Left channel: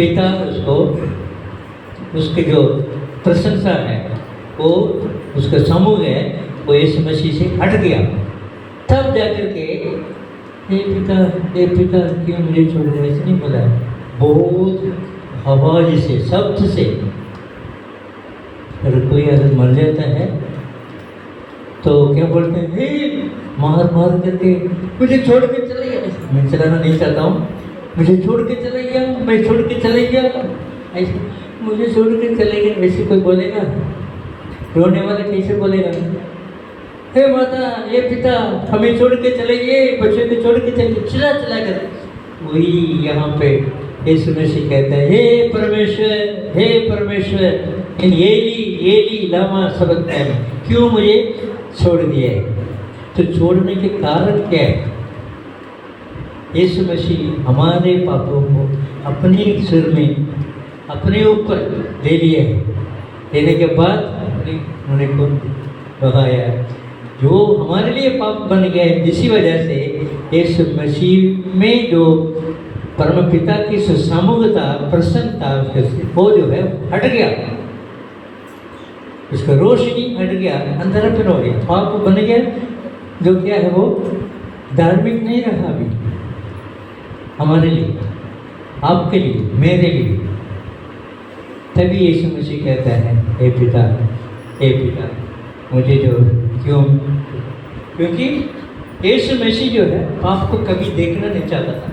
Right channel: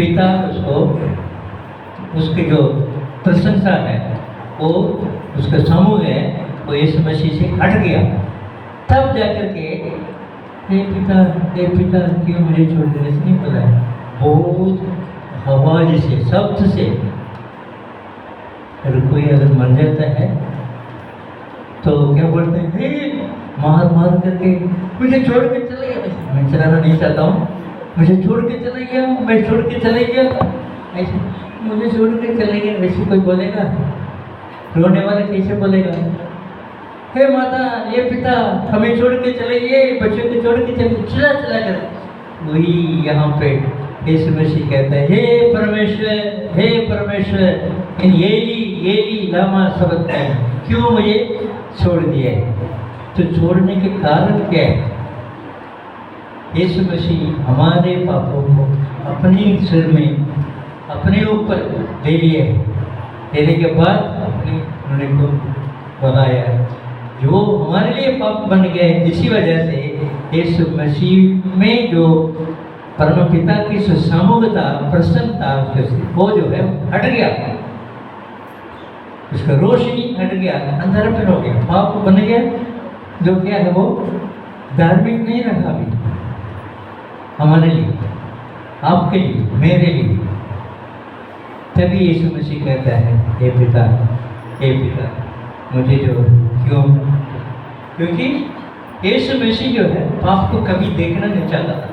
पिता उसको उसकी जो प्रशंसा है वो उसका समूह है वो यीशु मसीह से हट गया। तब जाकर के हे पिता क्यों मुझे छोड़ दिया, ऐसे नहीं बोला, बहुत आवाज से शब्द से। अगर कोई अगर मर जाता है तो क्या बोलते हैं, हे मार करके मुझे छोड़ के चले गया। मैं चलाना नहीं चाहता हूँ, मुझे छोड़ के चले गया, मैं छोड़ के चले गया, ऐसे मुझे छोड़ के चले गया, वैसे कोई बोलेगा? रोने वाला कैसे बोलेगा? हे माता, ये पिता हमें छोड़ के चले गए, बच्चों को छोड़ के चले, चिल्ला कर। वही यहाँ पे यीशु मसीह कहता है, हे परमेश्वर एली लामा सबक्तानी, क्यों मुझे छोड़ दिया है? तो छोड़ने के कारण क्या है? यीशु मसीह हमारे पापों को अपने सिर में अपने ऊपर ले लिए, लेने के बाद उन्होंने को बहाया, जो हमारे लिए पाप बन गया है। इसी वजह से यीशु मसीह में जो परम पिता की सुसमूहता, प्रसन्नता, वो जो है हट गया, उसका रोशनी हट गया, अंधारापन हो गया, पाप बन गया, जो क्या है वो धार्मिक नहीं रहा अभी हमारे लिए, आपके लिए, मेरे लिए। तभी यीशु मसीह कहता है, हे पिता मुझे जो क्यों, क्योंकि यीशु मसीह जो है पाप को कभी देखना नहीं चाहता था,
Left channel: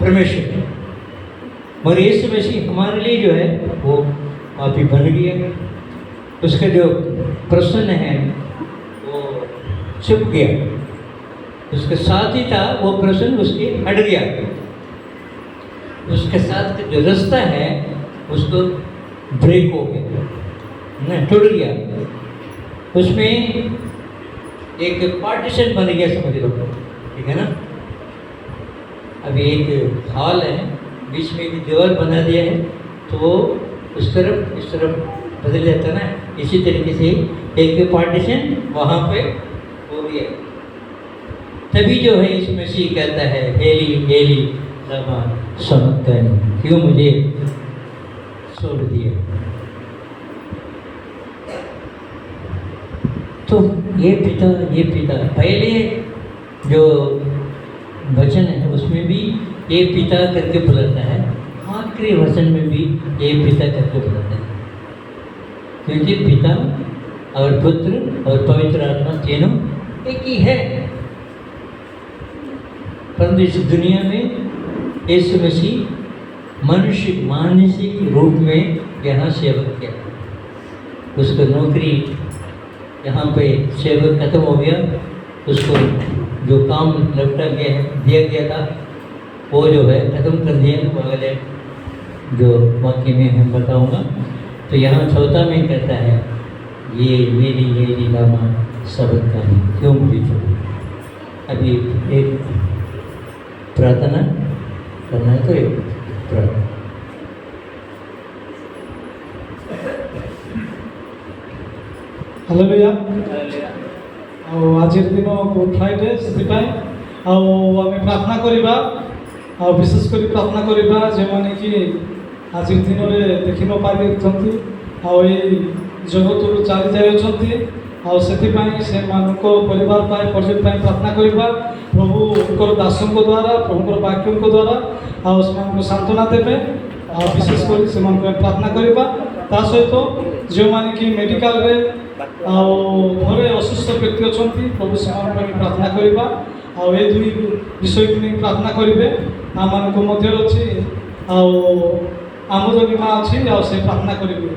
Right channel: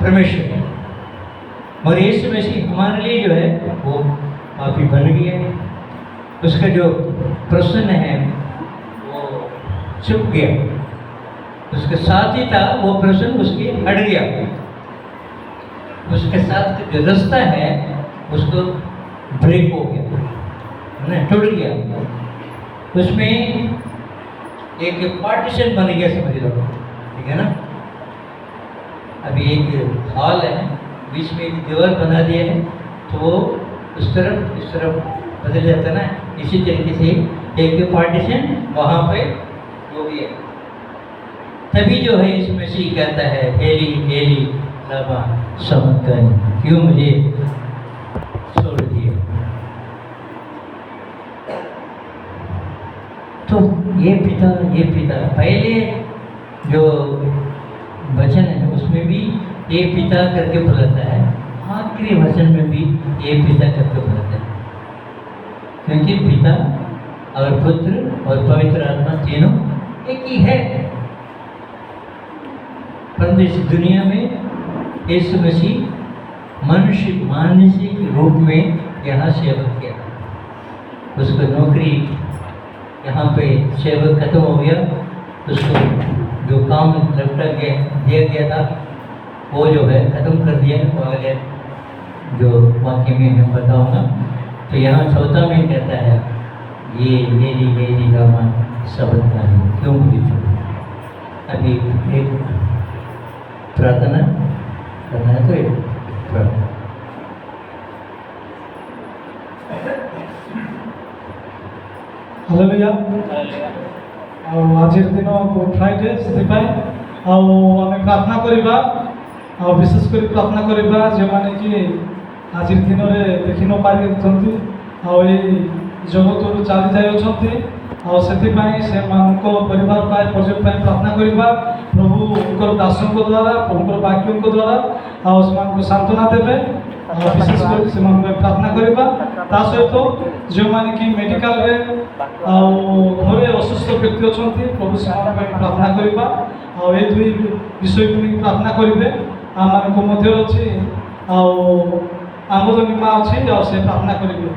परमेश्वर, मगर यीशु मसीह हमारे लिए जो है वो पापी बन गया, उसका जो प्रसन्न है वो छुप गया, उसके साथ ही था वो प्रसन्न उसके हट गया, उसके साथ जो रास्ता है उसको ब्रेक हो गया, नहीं टूट गया, उसमें एक पार्टीशन बन गया, समझ लो, ठीक है ना। अभी एक हॉल है, बीच में एक दीवार बना दिया है, तो वो उस तरफ इस तरफ बदल जाता है ना, इसी तरीके से एक पार्टीशन वहाँ पे हो गया। तभी जो है इस मसीह कहता है, एली लमा सबक्तानी, क्यों मुझे छोड़ दिए? तो ये पिता पहले जो वचन है उसमें भी ये पिता करके बुलाता है, आखिरी वचन में भी ये पिता करके बुलाता है, क्योंकि पिता और पुत्र और पवित्र आत्मा तीनों एक ही है। परंतु इस दुनिया में यीशु मसीह मनुष्य के रूप में यहाँ सेवक किया, उसको नौकरी यहाँ पे सेवक खत्म हो गया, उसको जो काम दिया गया था वो जो है खत्म कर दिया, वो अगले जो वाक्य में मैं बताऊँगा। तो यहाँ चौथा में कहता है, ये मेरी लामा सबक्तानी, क्यों मुझे छोड़ा? अभी एक प्रार्थना करना है, तो एक प्रार्थना। हालेलुया। आज दिन गुड फ्राइडे, से आम प्रार्थना करवा, विशेष कर प्रार्थना करवा जो मैंने कि आज दिन में देखि न पारि जगत को चली जाइए, से परिवार परिचय प्रार्थना करवा, प्रभु दासों द्वारा, प्रभु वाक्यों द्वारा से सांत्वना देवे, विशेष कर से प्रार्थना करवा। ता सहित जो मैंने कि मेडिकल रे घरे असुस्थ व्यक्ति अच्छा, प्रभु से प्रार्थना करवा, ये दुई विषय को नहीं प्रार्थना करेंगे। आम मध्य अच्छी आमोदनी माँ अच्छी, से प्रार्थना करेंगे।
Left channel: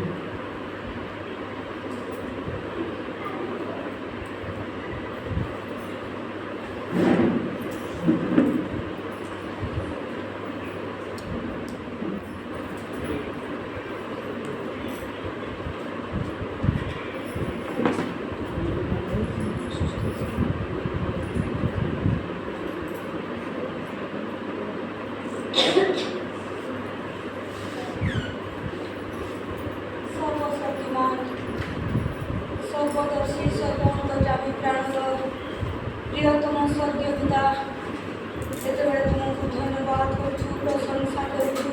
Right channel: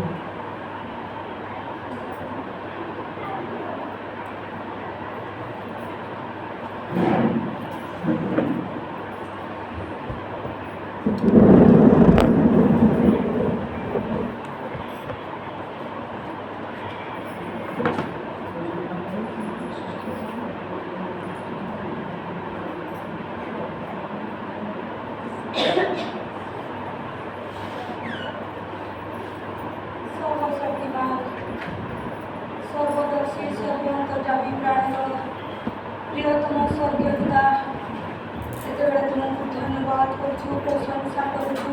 प्रियतम स्वर्गीय पिता, से तुमको धन्यवाद करूँ, प्रशंसा करूँ,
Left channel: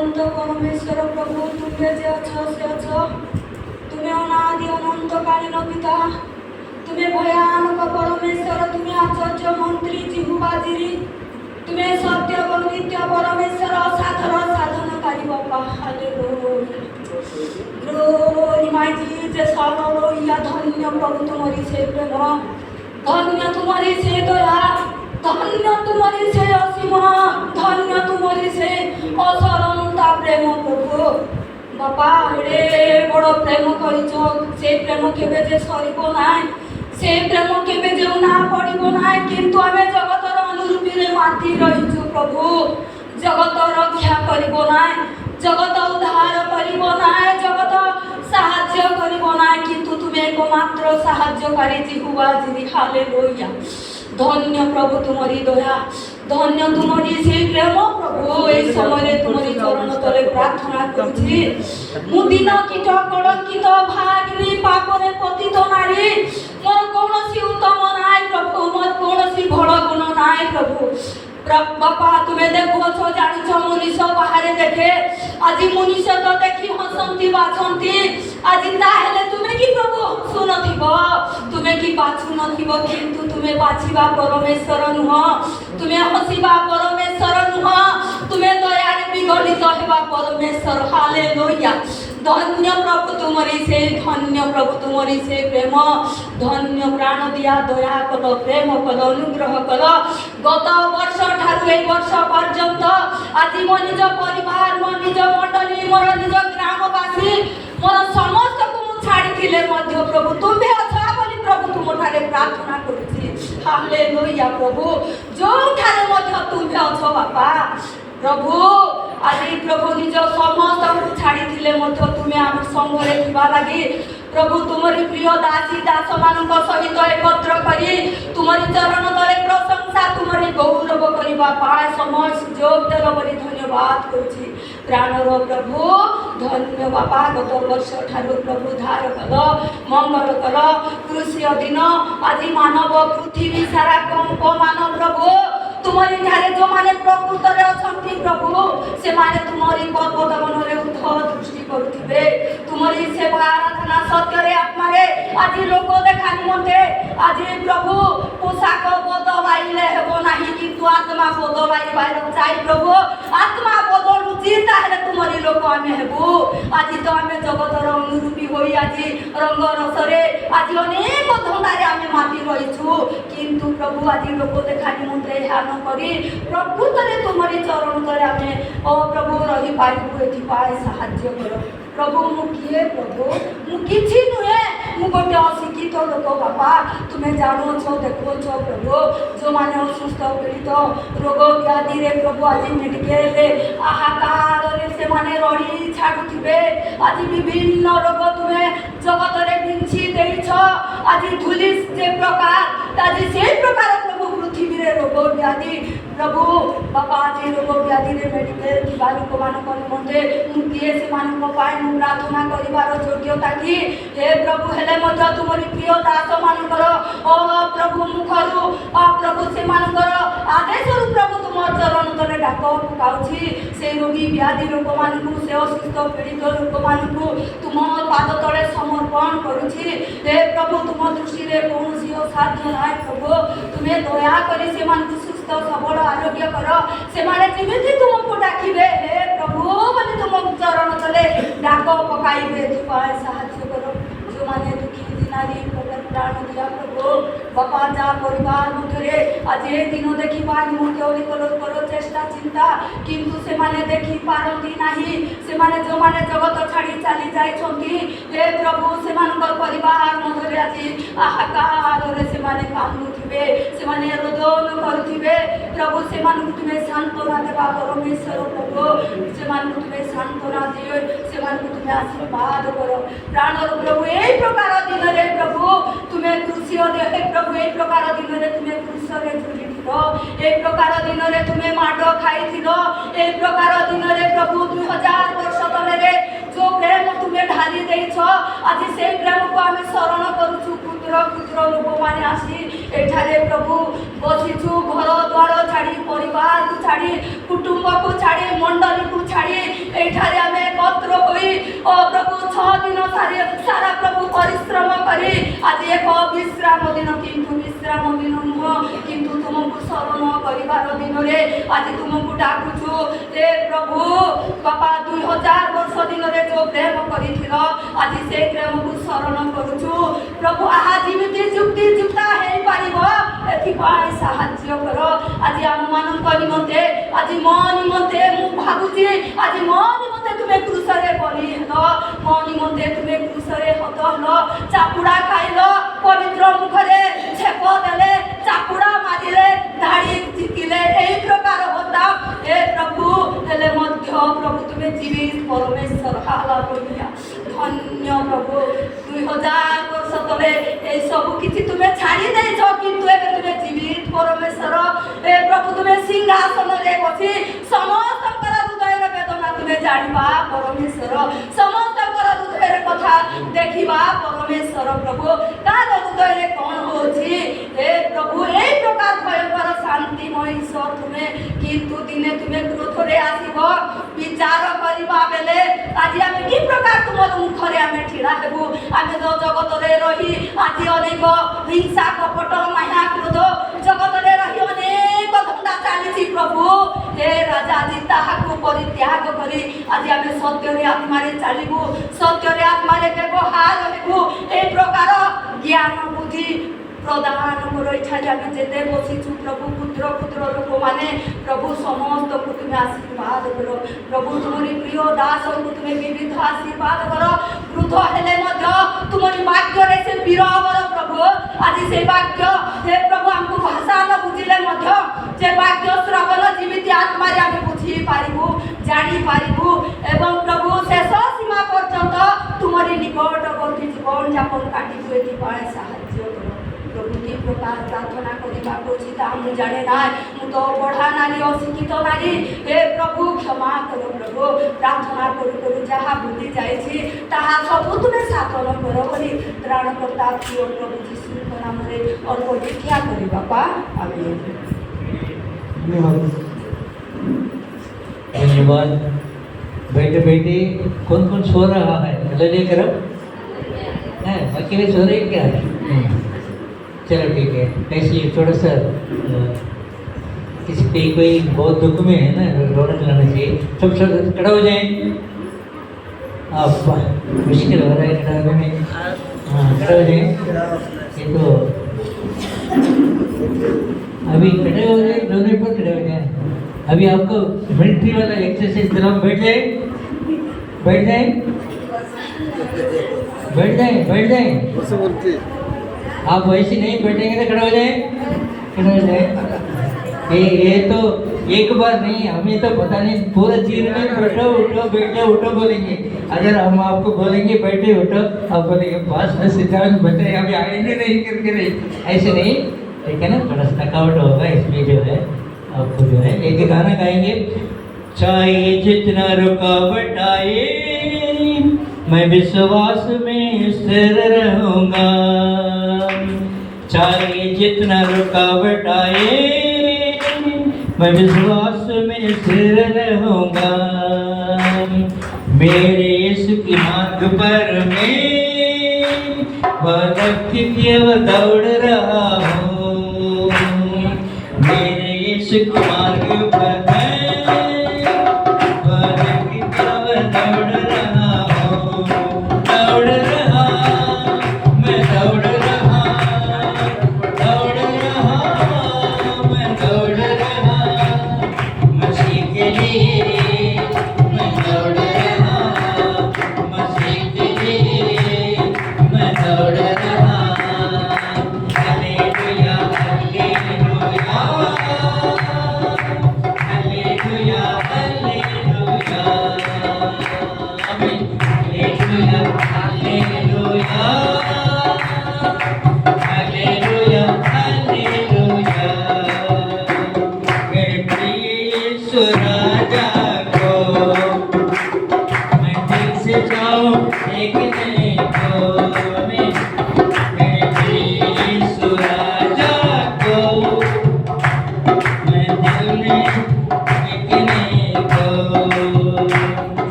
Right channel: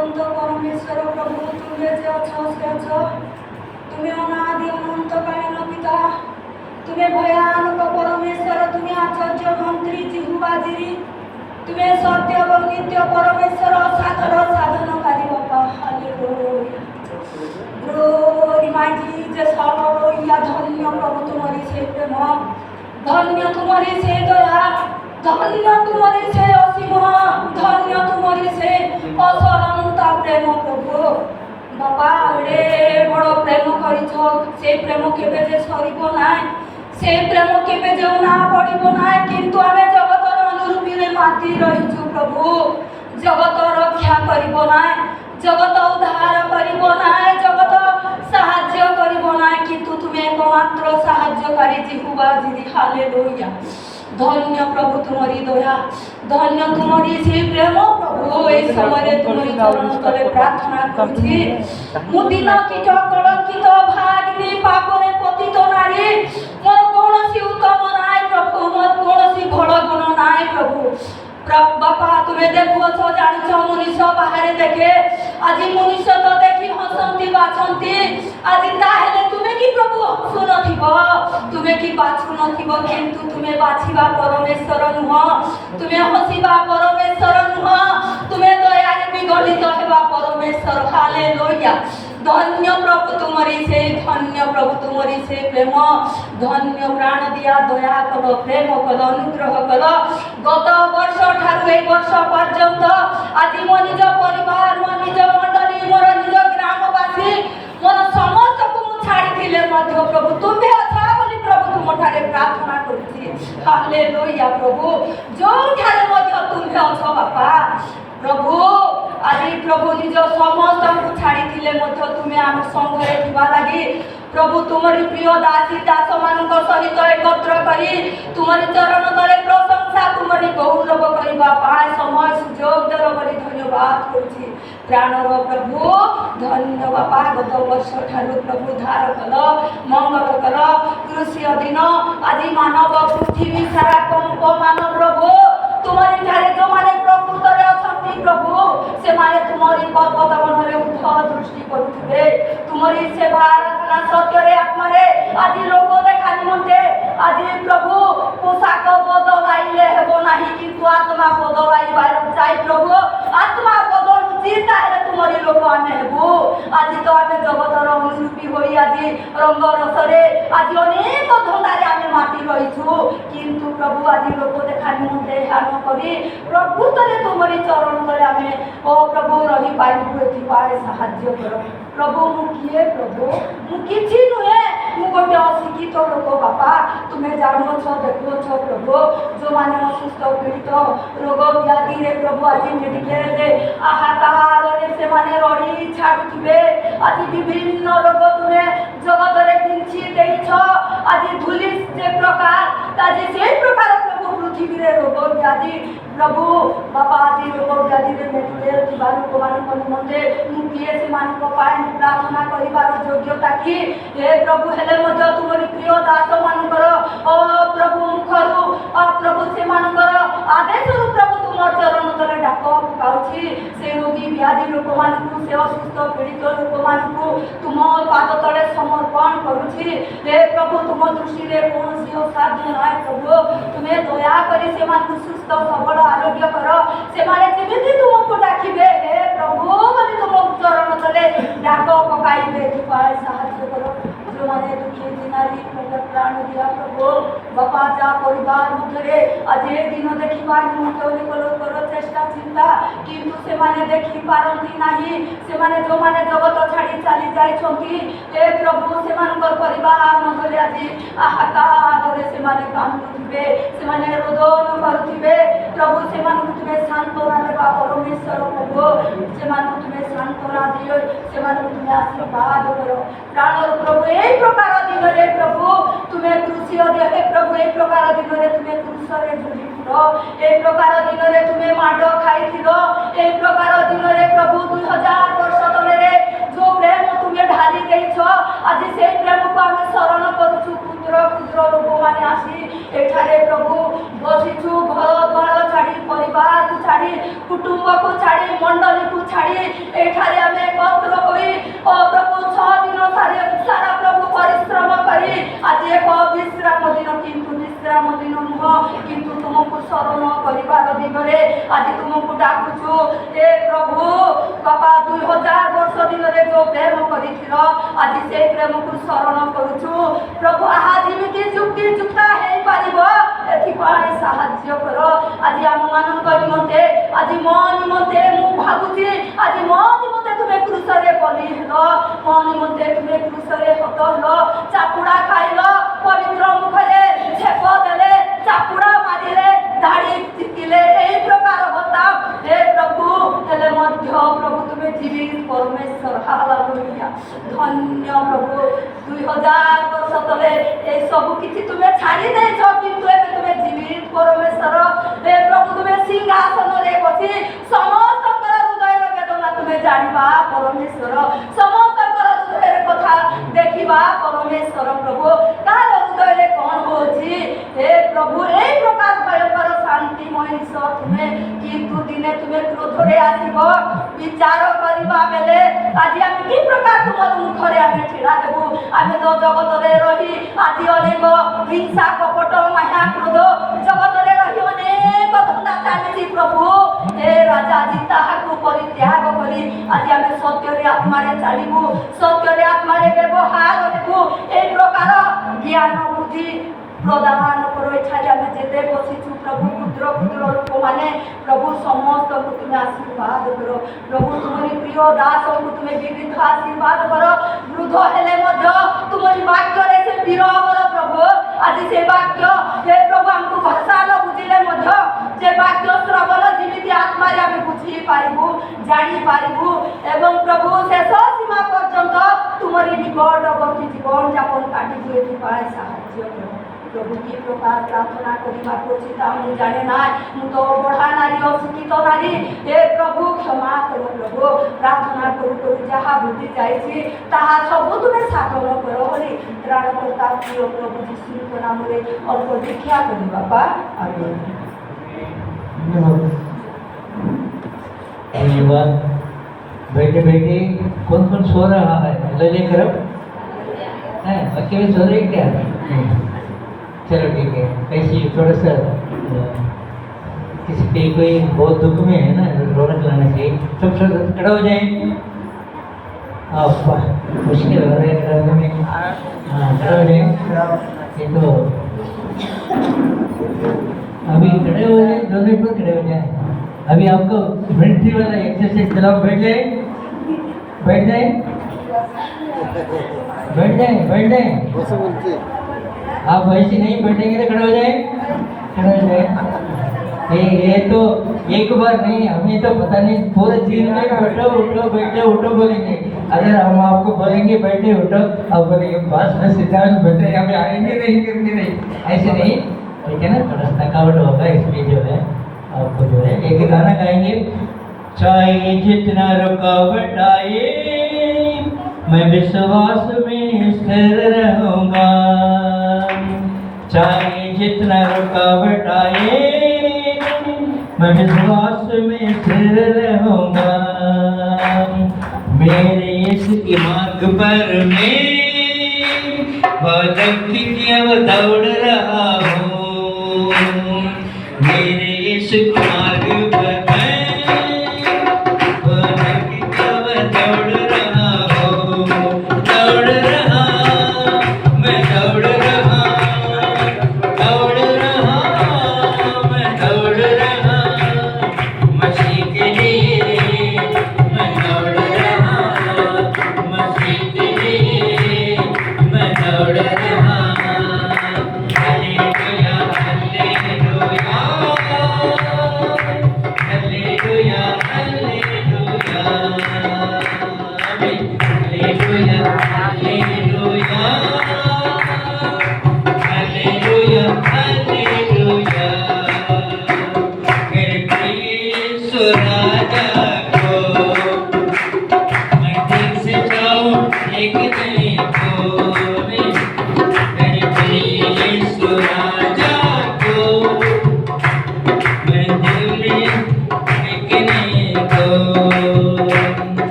অনন্ত পরমেশ্বর প্রভু, তুমি যে অছো সে অছো, তুমি অনাদি অনন্তকালীন পিতা, তুমি ভয়ানক পরমেশ্বর, তুমি আচার্য মন্ত্রী জিহুবাজিরি, তুমি সত্য এবং নিত্য পরমেশ্বর, সাধন সাধনকারী বাপা। হালেলুয়া, গ্লোরি মাই জিসাস, হালেলুয়া। ধন্য প্রভু তোমারি সেই প্রেম, ধন্য তোমারি সেই দয়া, ধন্য তোমারি সেই অসীম, ধন্য তোমারি সেই অসরন্ত প্রেম প্রভু। বাবা এড়ে বড় প্রেম করিছ, সেই প্রেম কেবে যে সরিব নাই, সেই প্রেম কেবে যে না পড়িব নাই। কিন্তু আমি জগতর অনুরূপীরে মাতি রহিছু প্রভু, জগত রক্ষা করিব নাই, জগত উদ্ধার করিব নাই, জগত সাহায্য করিব নাই, কিন্তু তুমি একমাত্র সাহায্যকারী জিহুবা জিরি। হালেলুয়া, ধন্য প্রভু তোমারি দয়া, ধন্য তোমারি সেই প্রেম প্রভু। এই সময়ে তোমারি চরণ তলে প্রার্থনা করছি, মু দিন কীট কলঙ্কিত ভাগিনী পাপরে পতিত নারী, মোর কৌশি উত্তম নাই প্রভু, মোর কৌশি বড় গুণ নাই প্রভু। বাপা তুমি দেখুছ, জানিছ মনীষ বাহারে দেখে, আজি মনীষ তো দেখি হসন্তি বাছন্তি, আজি তাহলে তুমি কি প্রভু হসু নথিব, তুমি কি বাছু নথিব, কিন্তু তুমি বাছিবা পরমেশ্বর নুহ, তুমি হসিবা পরমেশ্বর নুহ, তুমি দয়ারে বিগলিত হেবা পরমেশ্বর। হালেলুয়া, ধন্য প্রভু তোমারি সেই, ধন্য প্রভু তোমারি সেই প্রেম, ধন্য প্রাণ দিয়া দয়া কল, প্রেম কল, অনুগ্রহ কল। গত বর্ষ ঠারু এই বর্ষ পর্যন্ত আজি মো নিজ পরিবার, মো নিজ মণ্ডলী, মোর নিজ গ্রামবাসী, মোর সমস্তকে মু ছাড়িলে মধ্য প্রভু তুমি অছ বলি প্রভু তুমঠারে প্রার্থনা করছি। হালেলুয়া প্রভু, যোଉঠারে মধ্য তুমি অছ বাপা প্রভু, আজি প্রভু নিজ সমস্তকে ছাড়িলে মধ্য তুমি আমার সঙ্গরে থিবা লাগি প্রভু তোমারি প্রিয় দাসী দাস ମାନଙ୍କ সহিত একত্র করি তোমারি চরণ তলে প্রশংসা, তোমারি গৌরব করিবা পায় সময় সুযোগ দেব বলি ধন্যবাদ করছি। প্রাণর প্রভু ধন্য বাপা, গত বর্ষ ঠারু প্রভু ধার কল, মঙ্গল কল, কৃষি দিন আজি মানব পৃথিবী সারা কম্পমান প্রভু, তোমারি ঠারে ଯୋଉମାନେ ପ୍ରକୃତରେ ଅଛନ୍ତି ପ୍ରଭୁ, ସେମାନେ ତୁମରି ପଦପଦ୍ମରେ ଉଦ୍ଧ ଦୃଷ୍ଟି କରୁଥିବେ, ତୁମରି ସେବା ଆରାଧନା ସତ୍ୟରେ ଆତ୍ମାରେ ଆଜି ଲୋକ ଦେଖା ନିମନ୍ତେ ଆଜି ପ୍ରଭୁ ପୋଷାକ ବଦଳାଇଲେ ହେବ ନାହିଁ, କିନ୍ତୁ ଆତ୍ମା ବଦଳାଇବାର ଚାই ପ୍ରଭୁ, ଆତ୍ମା ବଦଳୁଛି ତାହେଲେ ତୁମରି ଲୋକ ଆମେ ହେବୁ। ଆଜି ତ ଆମେ ଜଗତର ଅନୁରୂପୀ ହୋଇ ଆଜି ରଙ୍ଗ ରସରେ ଆଜି ଅନେକ ଧନ୍ଦାରେ ଆମେ ମାତି ରହିଛୁ, କିନ୍ତୁ ପ୍ରଭୁ ଆଜି ଲୋକ ଦେଖା ନିମନ୍ତେ ଏହା ନ କରି ପ୍ରକୃତରେ ତୁମରି ଚରଣ ତଳେ ଆମେ ଓ ପ୍ରଭୁ ରହିପାରିବୁ, ଏଥିପାଇଁ ସାହାଯ୍ୟ କର ପ୍ରଭୁ। ମୁଁ କିଏ ପ୍ରଭୁ, ମୁଁ କିଛି ନୁହେଁ, ମୁଁ ଗୋଟେ ଅଶିକ୍ଷିତ ଲୋକ ବାପା, ତୁମେ ଜାଣୁଛ ଦେଖୁଛ ପ୍ରଭୁ, ଯେଉଁମାନେ ଅସୁସ୍ଥ ପୀଡ଼ିତ ରୋଗ ବ୍ୟାଧିରେ ପ୍ରଭୁ ଆଜି ମେଡ଼ିକାଲରେ ଆହାକାରରେ ସେମାନେ ରଡ଼ି ଛାଡ଼ୁଥିବେ, ଆଜି ବିଭିନ୍ନ ରୋଗ ତୁମେ ଜଗତରେ ବିଞ୍ଚି ଦେଇଛ, ଆଜି ଧୂଳି ଯେ ପ୍ରକାର ଆଜି ସେଇ ପ୍ରକାର ପ୍ରଭୁ ପୃଥିବୀରେ ରୋଗ ବ୍ୟାଧି ପ୍ରଭୁ ବାପା, ଆଜି ରୋଗ ବ୍ୟାଧିରେ ମେଡ଼ିକାଲ ଥିବା ଲୋକମାନଙ୍କ ନିମନ୍ତେ ମୁଁ କିଏ, ସେମାନଙ୍କ ପାଇଁ ମୁଁ ପ୍ରାର୍ଥନା କରିବାର ଯୋଗ୍ୟତା କି ହେ ପ୍ରଭୁ, ହେଲେ ମଧ୍ୟ ତୁମରି ପ୍ରିୟ ଦାସମାନଙ୍କର ପ୍ରଭୁ ମୁଖରୁ ପ୍ରଭୁ ସେମାନଙ୍କର ଆଦେଶରୁ ପ୍ରଭୁ ତୁମ ଚରଣ ତଳେ ଡାକ ପକାଉଛି, ସେ ରୋଗୀ ବ୍ୟାଧି ଲୋକମାନଙ୍କୁ, ସେ ଅସୁସ୍ଥ ପୀଡ଼ିତ ଲୋକମାନଙ୍କୁ ତୁମ ପାଦ ତଳେ ସମର୍ପଣ କରୁଛି। ହେ ପ୍ରଭୁ, ତୁମ ଦୃଷ୍ଟିରେ କୌଣସି ଅସାଧ୍ୟ ନାହିଁ ପ୍ରଭୁ, ତୁମେ ଦୟାକରି ସେମାନଙ୍କୁ ସୁସ୍ଥ ସବଳ ଆରୋଗ୍ୟ କର, ସେମାନେ ଯେମିତି ତୁମକୁ ଡାକିବେ ହେ ପ୍ରଭୁ ବୋଲି ତୁମ ଚରଣ ତଳେ ଡାକ ପକାଇବେ, ଏଥିପାଇଁ ସାହାଯ୍ୟ କର। ଯେଉଁମାନେ ଦୁଃଖୀ ଦିନାରୀ ପ୍ରାଣ ଦିଆ ପ୍ରଭୁ ବାପା, ଯାହା ପରିବାର ମଧ୍ୟରେ ଆଜି ଏ ଦିନ ଦେଖିବା ନିମନ୍ତେ ଅନେକ ଲୋକର ଚେଷ୍ଟା ଚିନ୍ତା, କିନ୍ତୁ ସେମାନେ ଦେଖିପାରନ୍ତି ନାହିଁ, ସେମାନେ ଯେଉଁମାନେ ଜଗତ ଛାଡ଼ି ଚାଲି ଯାଇଛନ୍ତି ହେ ପ୍ରଭୁ, ସେମାନଙ୍କର ପରିବାର ମଧ୍ୟରେ ଆଜି ଆହାକାରରେ ସେମାନେ କାନ୍ଦୁଥିବେ, ସେମାନେ ରୋଦନ କରୁଥିବେ ପ୍ରଭୁ, ସେମାନଙ୍କୁ ତୁମେ ସାନ୍ତ୍ୱନା ଦେବା ପରମେଶ୍ୱର ପ୍ରଭୁ, ସେମାନଙ୍କୁ ତୁମେ ସାନ୍ତ୍ୱନା ଦିଅ, ସେମାନଙ୍କୁ ତୁମେ ଆଶୀର୍ବାଦ କର। ପ୍ରାଣର ପ୍ରଭୁ, এই প্রকার দিନରେ প্রভু তুমি কৃষি হে প্রভু, এই প্রকার দিନରେ তুমি কৃষরে ঝুলিছিল, এই প্রকার দিନରେ তুমি মাড খাইছিল, এই প্রকার দিନରେ প্রভু 2000 বর্ষ তলে যে প্রেম তুমি ঢালি ଦେଇଛ, আজ সেই প্রেমକୁ আমি স্মরণ করুছু। ক্ষুদ্র ক্ষুদ্র লোকମାନେ আসি এঠারে প্রভু বসিছু, ঘর দ্বার ছাড়ি পরিবারକୁ ছাড়ি कुटुंब को छाड़ी मंडली को छाड़ी एठारे आमे एकत्र होई ओ प्रभु 6 दिन सारा प्रभु परिश्रम करी आज एक विश्राम दिन किंतु विश्राम दिन नुह किंतु तुमको शरण करिवार दिन रे आज तुमको डाकुछु ए प्रभु बापा 2000 वर्ष दिन रे जो प्रेम करिथिलो आज से प्रेम को शरण करूछु प्रभु आहा जिमिति जुक्ति जुक्ता हे पारिबो एथि पाई साहाय्य करो आज हम मानन निमंते आज मो निमंते मु भाबुची आज मो निमंते तुमे क्रूस रे बलि हेलो मो निमंते तुमे क्रूस रे हत हेलो चापुड़ा खाइलो पवित्र मुखरे छेप देले चापुड़ा मारिले धाड़ी चिकिले एई प्रकार होता हे प्रभु हेले मध्य प्रभु तुमे जीवित परमेश्वर हालेलुया धन्य प्रभु 2000 वर्ष तले ए सब किछि तुमे छाड़ी देछ किंतु एबे तुमे जीवित परमेश्वर हे प्रभु तुमे सिंहासन रे बसी समस्तकर हृदय वेदना तुमे जानिबा परमेश्वर समस्तकर हृदय कथा देखिबा परमेश्वर प्रभु तार हृदय रे कोन होछि हे प्रभु एई प्रकार भयंकर शांतिमय ईश्वर तुमे किंतु दिने तुमे क्रोध रे आसीबो विचार करिबा बेले आज हम की प्रकार तुमर मुख रे आमे ठिरा हेबु आमे जो जगत रे रही आज अनेक हिंसा कपट माया क्रोध जगत रे रही अनेक धंदा चालीछि प्रभु हे राजा जी ताहाको परित्याग करी आज आमे सत्य रे आत्मा रे चालिबु सत्य रे आत्मा रे व्यवहार हेबु ए प्रकार ज्ञान बुद्धि प्रदान करो इच्छा जाने जेते बसिछु प्रभु पुत्र पुत्र लोक माने प्रभु समस्त को तुम आशीर्वाद करो प्रभु तुम्हारी प्रिय दास को तुम विविध आशीर्वाद करो वृद्ध हेले मध्य तुम्हारी वाक्य रे से विरवर प्रभु आज से वाक्य हे प्रभु हमको भाषा न बुझिले मध्य जे वाक्य श्रवण जीवित आत्मा रे हम बुझी पारिबु जानि पारिबु एवं प्रभु शेष सीमा पर्यंत तुम्हारी निकटवर्ती जीवन यापन काटी हुए की पाए साहाय्य करो प्रभु की प्रकार प्रार्थना करिबा कोछि ता मु जाने ना मु तो बढा नारी अशिक्षित नारी हे प्रभु क्षमा करो प्रभु प्रार्थना करू करू जहा भूली जाइछि ताहा सब तुमे साधन करो बोली त्राणकर्ता प्रिय प्रभु यीशु के नाम रे और प्रतिज्ञा करी बाबा आमीन धन्यवाद बेटे बेटी कौन कौन सो रहा है लगे करो है अकेले सो रहे क्या चलो ठीक है ऐसे थोड़ा सा किसी के कोई बहुत दुख में है ना रौनक लाना चाहिए सब सब खड़ा हो जाए आप मुश्किल हो रहा है खड़ा होने में हाँ खड़ा हो जाए ये तो अभी खड़े हो जाए दोनों पर खड़े हो जाए अभी आपको मिलिट्री वाला एक्सरसाइज चलाओ बैठ जाए बैठ जाए बैठ जाए बैठ जाए आप वैसे नहीं बैठेंगे तो खड़े हो जाए खड़े हो जाए ये तो एक बार नहीं हमें तो पता नहीं पूरा जीवन में बैठो उठो बैठो उठो बोलेंगे अगर हम आपको बोलेंगे बैठे उठो आप बोलेंगे बस न सिद्धांत बैठे अभी आएंगे नहीं करके नहीं ऐसे नहीं ठीक है ना थोड़ा थकावट होगा इसलिए जो है आपको जो है एक गाना गाएंगे चाहे जितना रुकावट आए मैं विश्वास में स्थिर रहूंगा चाहे जितना रुकावट आए मैं विश्वास में स्थिर रहूंगा मेरे इसके मार्ग पर मैं दौड़ रहा हूँ मेरे इसके मार्ग पर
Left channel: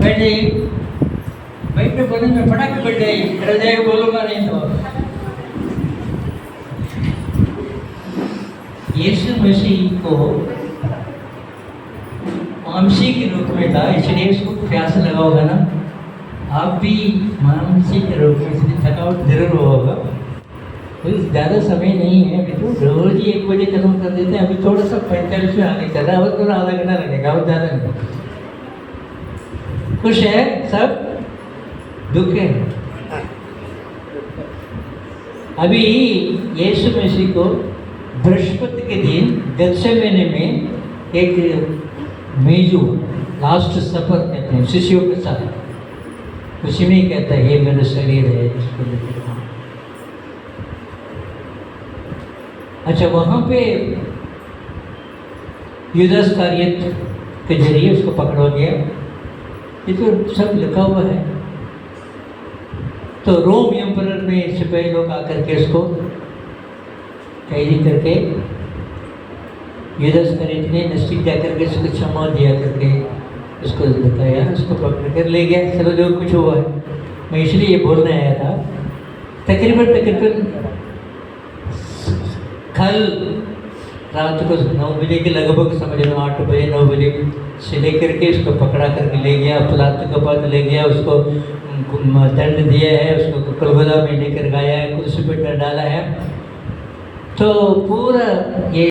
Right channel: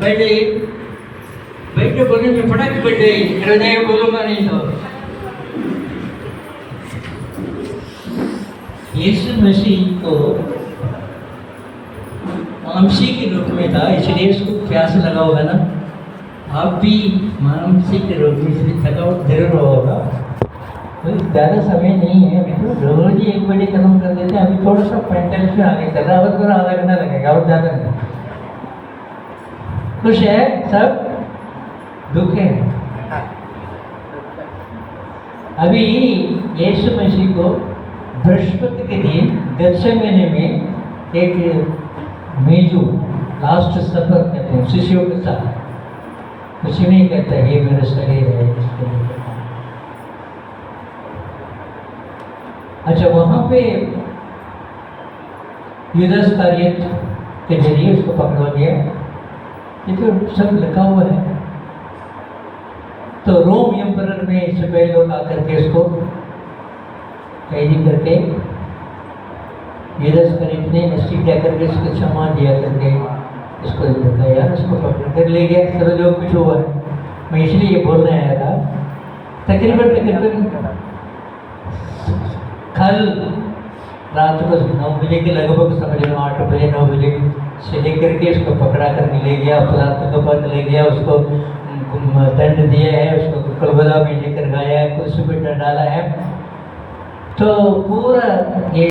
बैठ जाइए, बैठ के बोलने में फटाक बैठ जाइए, हृदय बोलूंगा नहीं तो। यीशु मसीह को मांसी के रूप में था, इसलिए इसको प्यास लगा होगा ना। आप भी मांसी के रूप में इसलिए थकावट जरूर होगा। कोई ज़्यादा समय नहीं है, अभी तो रोज ही 1 बजे खत्म कर देते हैं। अभी थोड़ा सा 45 में आगे कर रहा है, और थोड़ा आधा घंटा लगेगा और ज़्यादा नहीं। खुश है सब? दुख है? अभी यीशु मसीह को बृहस्पति के दिन गत्सेमने में एक मेजू लास्ट सफर कहते हैं शिष्यों के साथ, उसी में कहता है ये मेरा शरीर है इसको लेकर। अच्छा, वहां पे यूदास कारियत के जरिए उसको पकड़ा गया। ये तो सब लिखा हुआ है। तो रोम एम्परर में सिपाही लोग आकर के उसको कैदी करके यूदास कारियत ने नसीब दे करके उसको क्षमा दिया करके इसको बताया, उसको पकड़ कर ले गया। सब जो कुछ हुआ है, मैं इसलिए ये बोलने आया था। तकरीबन कल रात को 9 बजे के लगभग, समझ लो 8 बजे 9 बजे से लेकर के उसको पकड़ा करके ले गया, पलात के बाद ले गया, उसको दंड दिया है, उसको कलबला में लेकर गया है, कुर्सी पर डाला है। तो पूरा ये